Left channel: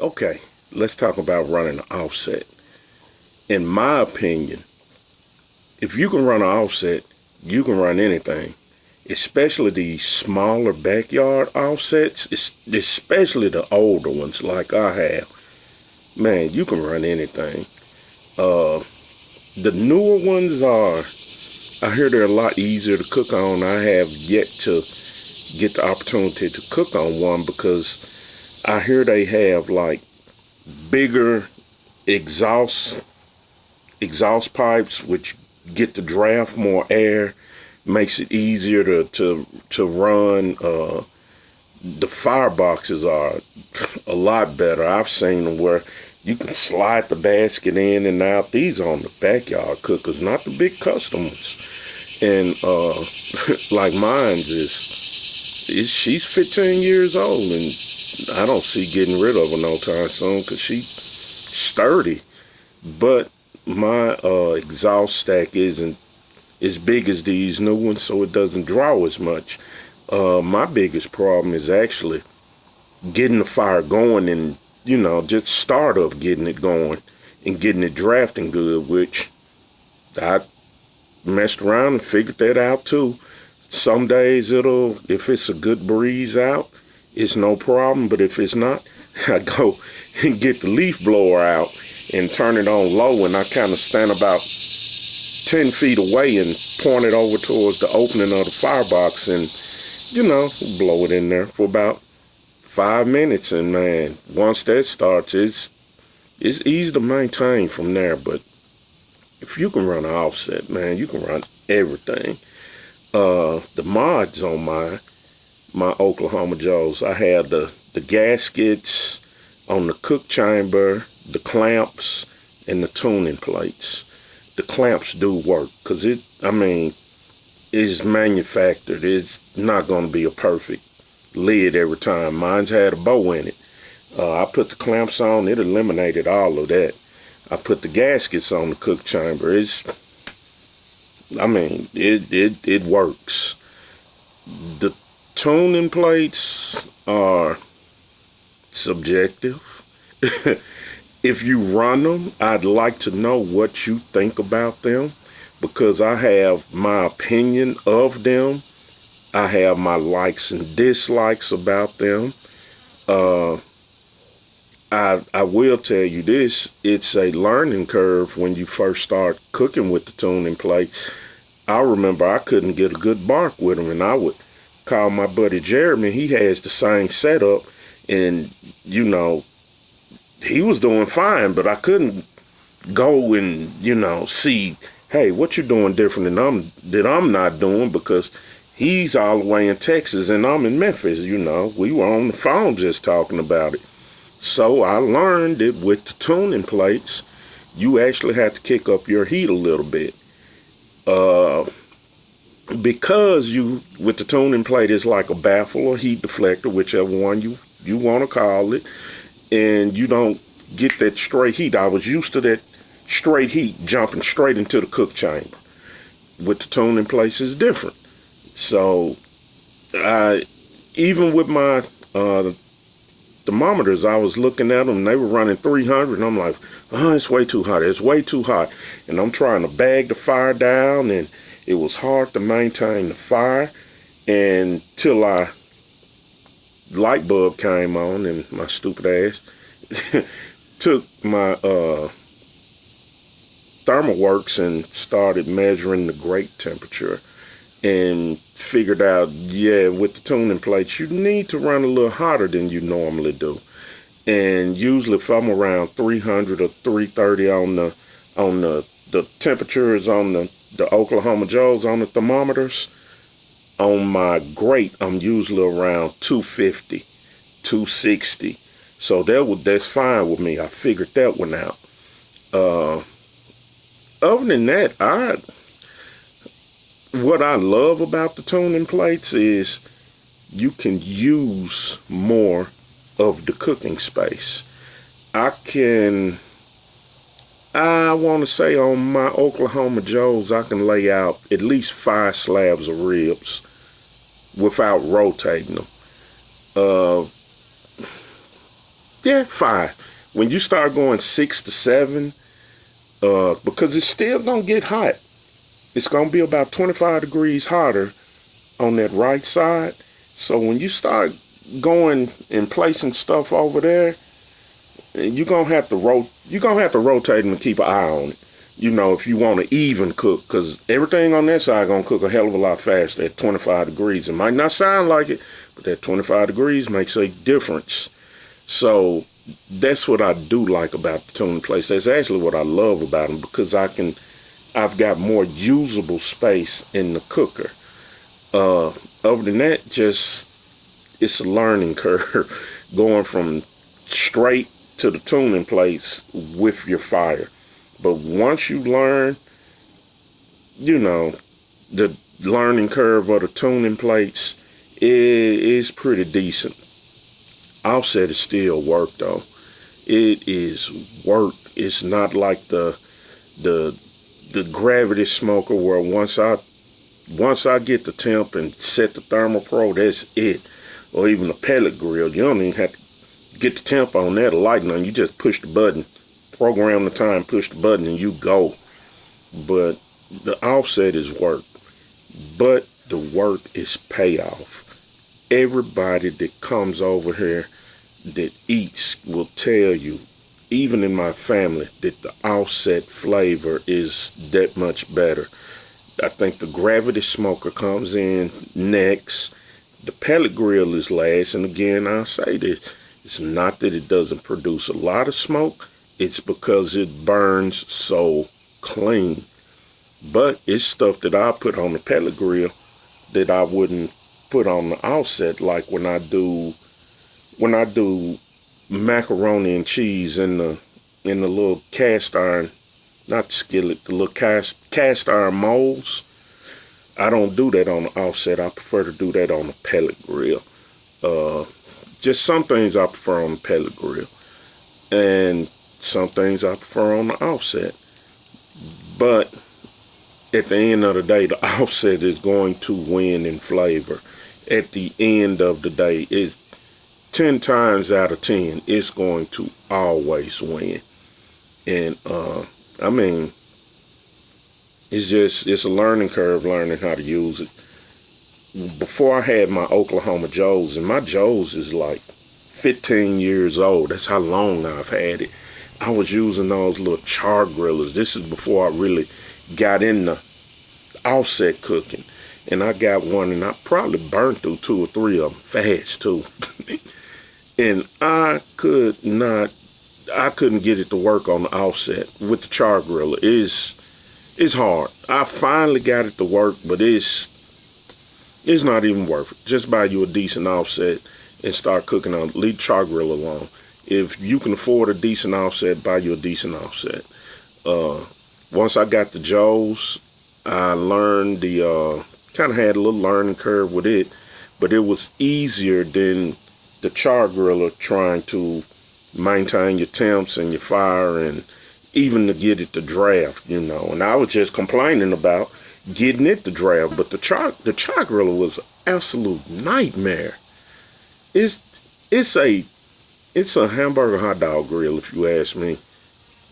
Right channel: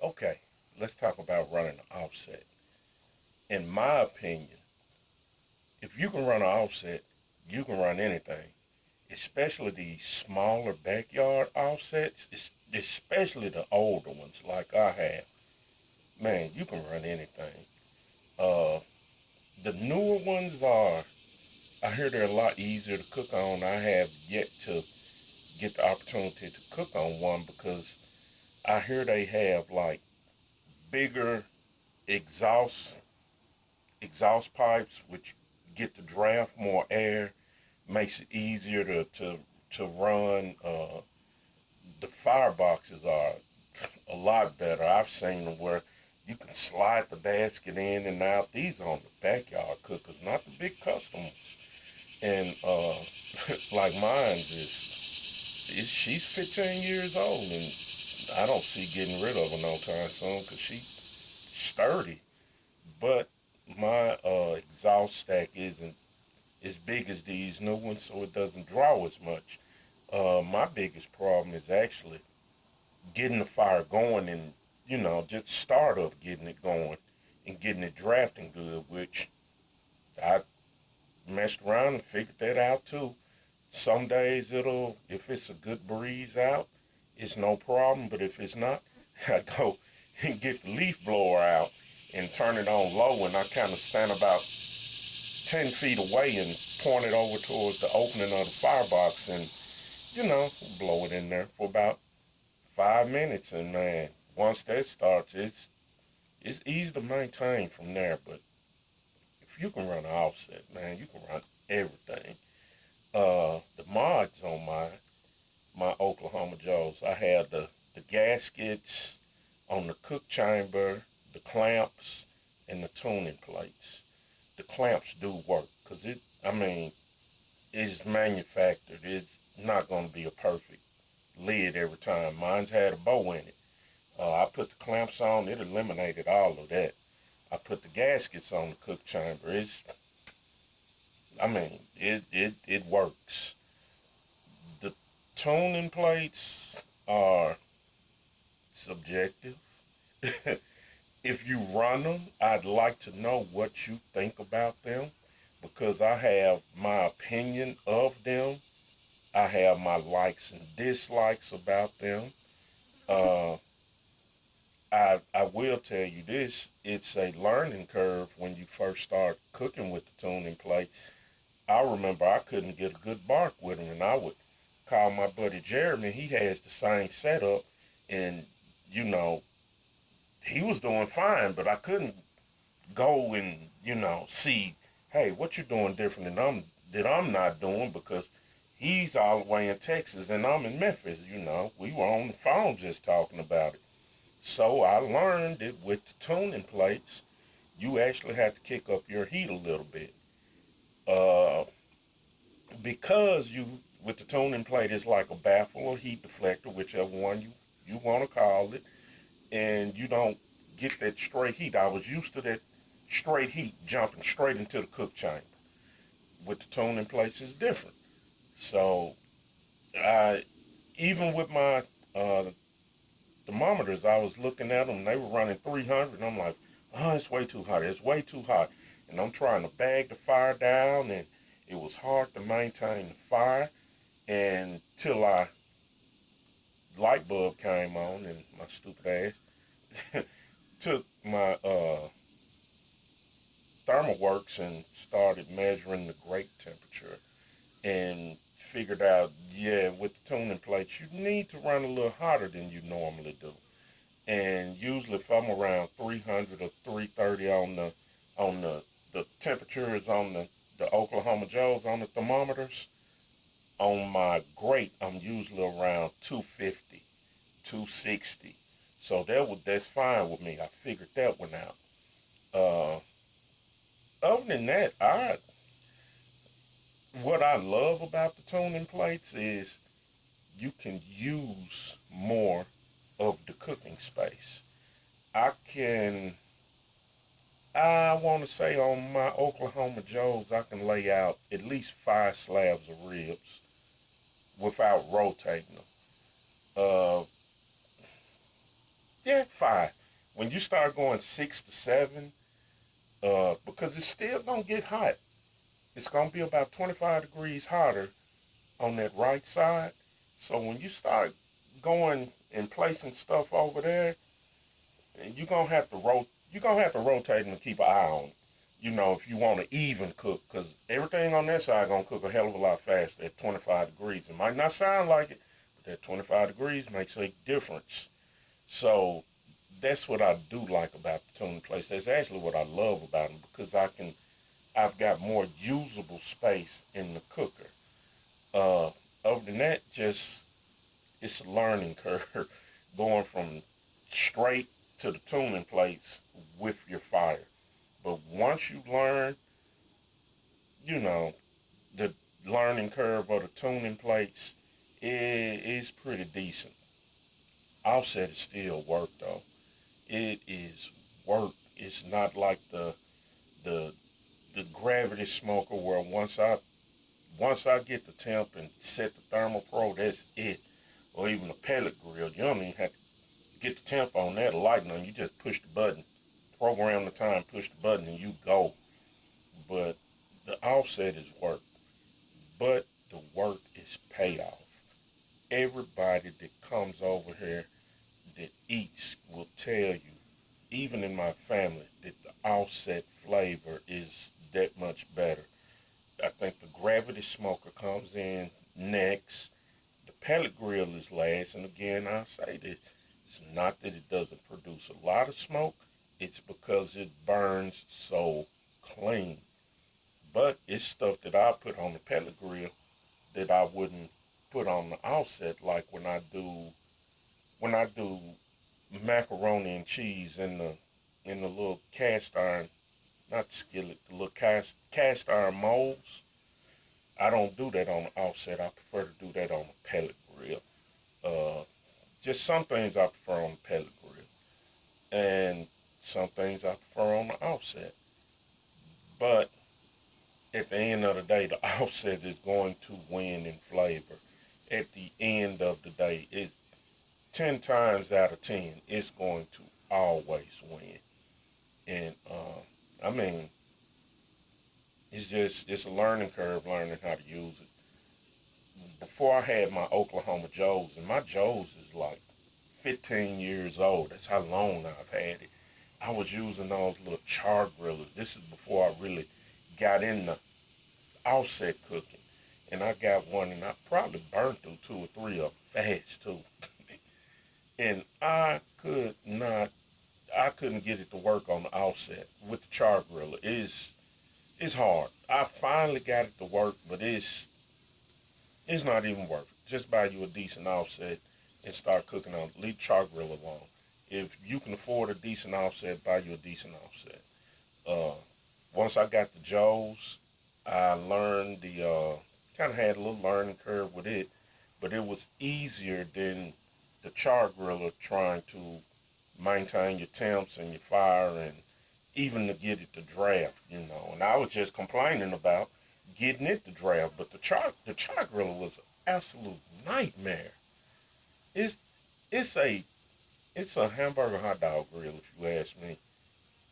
Okay, let's talk about running an offset. In my opinion, if you can run an offset, you can run anything, especially these smaller backyard offsets, especially the older ones like I have. Man, you can run anything. Uh, the newer ones are, I hear they're a lot easier to cook on. I have yet to get the opportunity to cook on one because I hear they have like bigger exhaust exhaust pipes, which get to draft more air, makes it easier to run. The fireboxes are a lot better. I've seen them where you can slide the basket in and out. These are on the backyard cookers, not the big customers. And like mine's is she's 15 years old, and I don't see getting rid of her no time soon because she's sturdy. But my exhaust stack isn't as big as these new ones, so it doesn't draw as much. My biggest problem is actually getting the fire going and, just start up getting it going and getting it drafting good, which I messed around and figured that out too. Some days if it's a good breeze out, it's no problem, but if it's not, I go and get the leaf blower out and turn it on low, and I kind of stand about 10 feet away and point it over towards the opening of the firebox and, blow it in there for about 5 minutes. And man, once that starts, it's easy to maintain from there. But if you can run an offset, man, you can run everything. The mods on my Oklahoma Joes, I had the gaskets on the cook chamber, the clamps, and the tuning plates. The clamps do work because it's manufactured. It's not going to be a perfect lid every time. Mine's had a bow in it. I put the clamps on, it eliminated all of that. I put the gaskets on the cook chamber. It works. The tuning plates are subjective. If you run them, I'd like to know what you think about them because I have my opinion of them. I have my likes and dislikes about them. Uh, I will tell you this, it's a learning curve when you first start cooking with the tuning plate. I remember I couldn't get a good bark with them, and I would call my buddy Jeremy. He has the same setup, and he was doing fine, but I couldn't go and see, hey, what you doing different than I'm not doing because he's all the way in Texas and I'm in Memphis. We were on the phone just talking about it. So I learned that with the tuning plates, you actually have to kick up your heat a little bit. Uh, because with the tuning plate, it's like a baffle or heat deflector, whichever one you want to call it, and you don't get that straight heat. I was used to that straight heat jumping straight into the cook chamber. With the tuning plates, it's different. So, even with my thermometers, I was looking at them, and they were running 300, and I'm like, oh, it's way too hot. It's way too hot. And I'm trying to bag the fire down, and it was hard to maintain the fire until light bulb came on, and my stupid ass took my ThermalWorks and started measuring the grate temperature and figured out, yeah, with the tuning plates, you need to run a little hotter than you normally do. And usually if I'm around 300 or 330 on the temperatures on the Oklahoma Joes on the thermometers, on my grate, I'm usually around 250, 260. So that's fine with me. I figured that one out. Uh, Other than that, what I love about the tuning plates is you can use more of the cooking space. I want to say on my Oklahoma Joes, I can lay out at least 5 slabs of ribs without rotating them. Uh, Yeah, 5. When you start going 6 to 7, because it's still gonna get hot. It's gonna be about 25 degrees hotter on that right side. So when you start going and placing stuff over there, you're gonna have to rotate them and keep an eye on it. You know, if you want to even cook, because everything on that side gonna cook a hell of a lot faster at 25 degrees. It might not sound like it, but that 25 degrees makes a difference. So that's what I do like about the tuning plates. That's actually what I love about them, because I've got more usable space in the cooker. Other than that, just it's a learning curve going from straight to the tuning plates with your fire. But once you learn, you know, the learning curve of the tuning plates is pretty decent. Offset is still work though. It is work. It's not like the gravity smoker where once I get the temp and set the ThermoPro, that's it. Or even a pellet grill, you don't even have to get the temp on there, the lighting on. You just push the button, program the time, push the button, and you go. But the offset is work. But the work is payoff. Everybody that comes over here that eats will tell you, even in my family, that the offset flavor is that much better. I think the gravity smoker comes in next. The pellet grill is last. And again, I say this, it's not that it doesn't produce a lot of smoke. It's because it burns so clean. But it's stuff that I put on the pellet grill that I wouldn't put on the offset, like when I do macaroni and cheese in the little cast iron, not skillet, the little cast iron molds. I don't do that on the offset. I prefer to do that on the pellet grill. Just some things I prefer on the pellet grill, and some things I prefer on the offset. But at the end of the day, the offset is going to win in flavor. At the end of the day, it's 10 times out of 10, it's going to always win. And I mean, it's a learning curve learning how to use it. Before I had my Oklahoma Joes, and my Joes is like 15 years old. That's how long I've had it. I was using those little char grillers. This is before I really got into offset cooking. And I got one, and I probably burnt through 2 or 3 of them fast too. And I couldn't get it to work on the offset with the char griller. It's hard. I finally got it to work, but it's not even worth it. Just buy you a decent offset and start cooking on. Leave the char grill alone. If you can afford a decent offset, buy you a decent offset. Once I got the Joes, I learned kind of had a little learning curve with it, but it was easier than the char griller trying to maintain your temps and your fire and even to get it to draft, you know. And I was just complaining about getting it to draft, but the char griller was an absolute nightmare. It's a hamburger hot dog grill, if you ask me.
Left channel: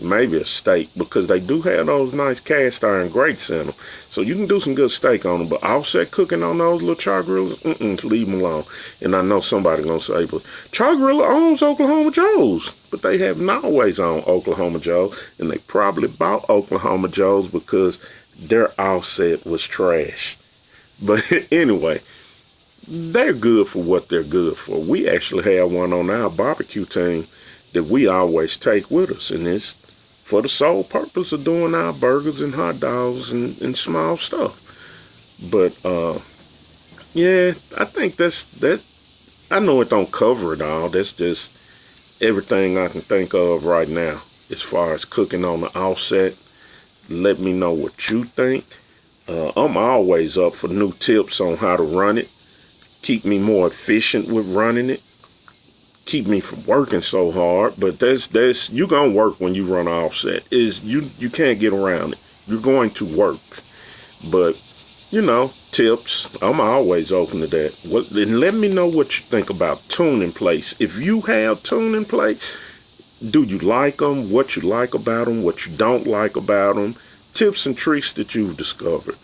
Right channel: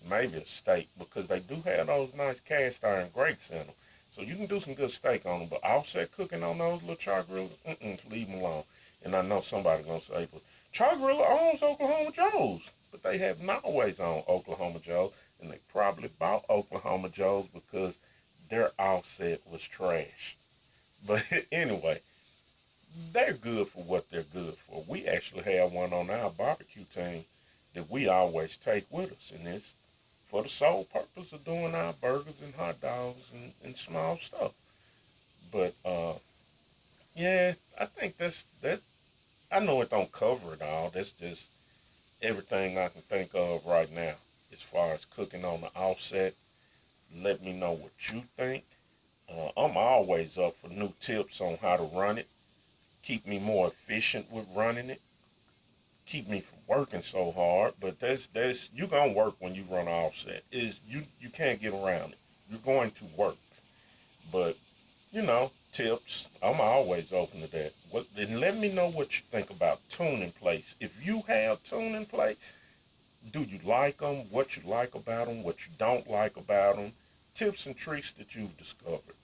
Maybe a steak, because they do have those nice cast iron grates in them. So you can do some good steak on them, but offset cooking on those little char grillers, leave them alone. And I know somebody gonna say, but char griller owns Oklahoma Joe's. But they have not always owned Oklahoma Joe's, and they probably bought Oklahoma Joe's because their offset was trash. But anyway, they're good for what they're good for. We actually have one on our barbecue team that we always take with us, and it's for the sole purpose of doing our burgers and hot dogs and small stuff. But yeah, I think that. I know it don't cover it all. That's just everything I can think of right now as far as cooking on the offset. Let me know what you think. I'm always up for new tips on how to run it. Keep me more efficient with running it. Keep me from working so hard, but that's you gonna work when you run offset. You can't get around it. You're going to work, but tips. I'm always open to that. And let me know what you think about tuning plates. If you have tuning plates, do you like them? What you like about them? What you don't like about them? Tips and tricks that you've discovered.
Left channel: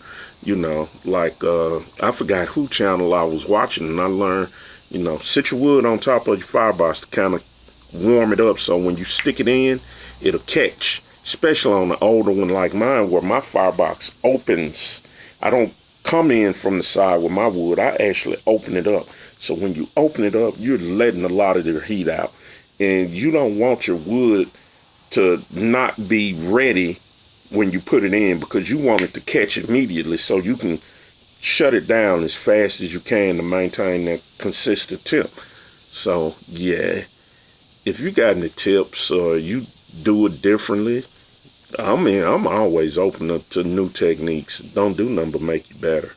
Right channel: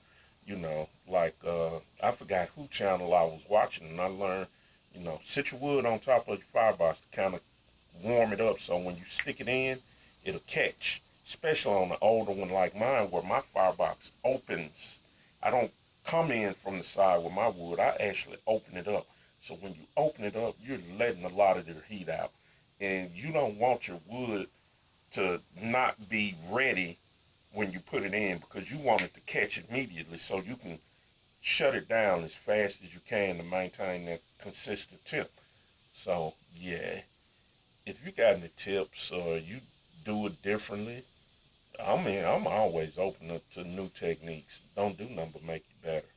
Like I forgot who channel I was watching, and I learned, sit your wood on top of your firebox to kind of warm it up, so when you stick it in, it'll catch. Especially on the older one like mine, where my firebox opens. I don't come in from the side with my wood. I actually open it up. So when you open it up, you're letting a lot of your heat out. And you don't want your wood to not be ready when you put it in, because you want it to catch immediately so you can shut it down as fast as you can to maintain that consistent tip. So yeah, if you got any tips or you do it differently, I'm always open up to new techniques. Don't do nothing but make you better.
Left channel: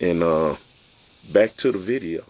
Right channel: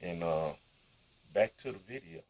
And back to the video.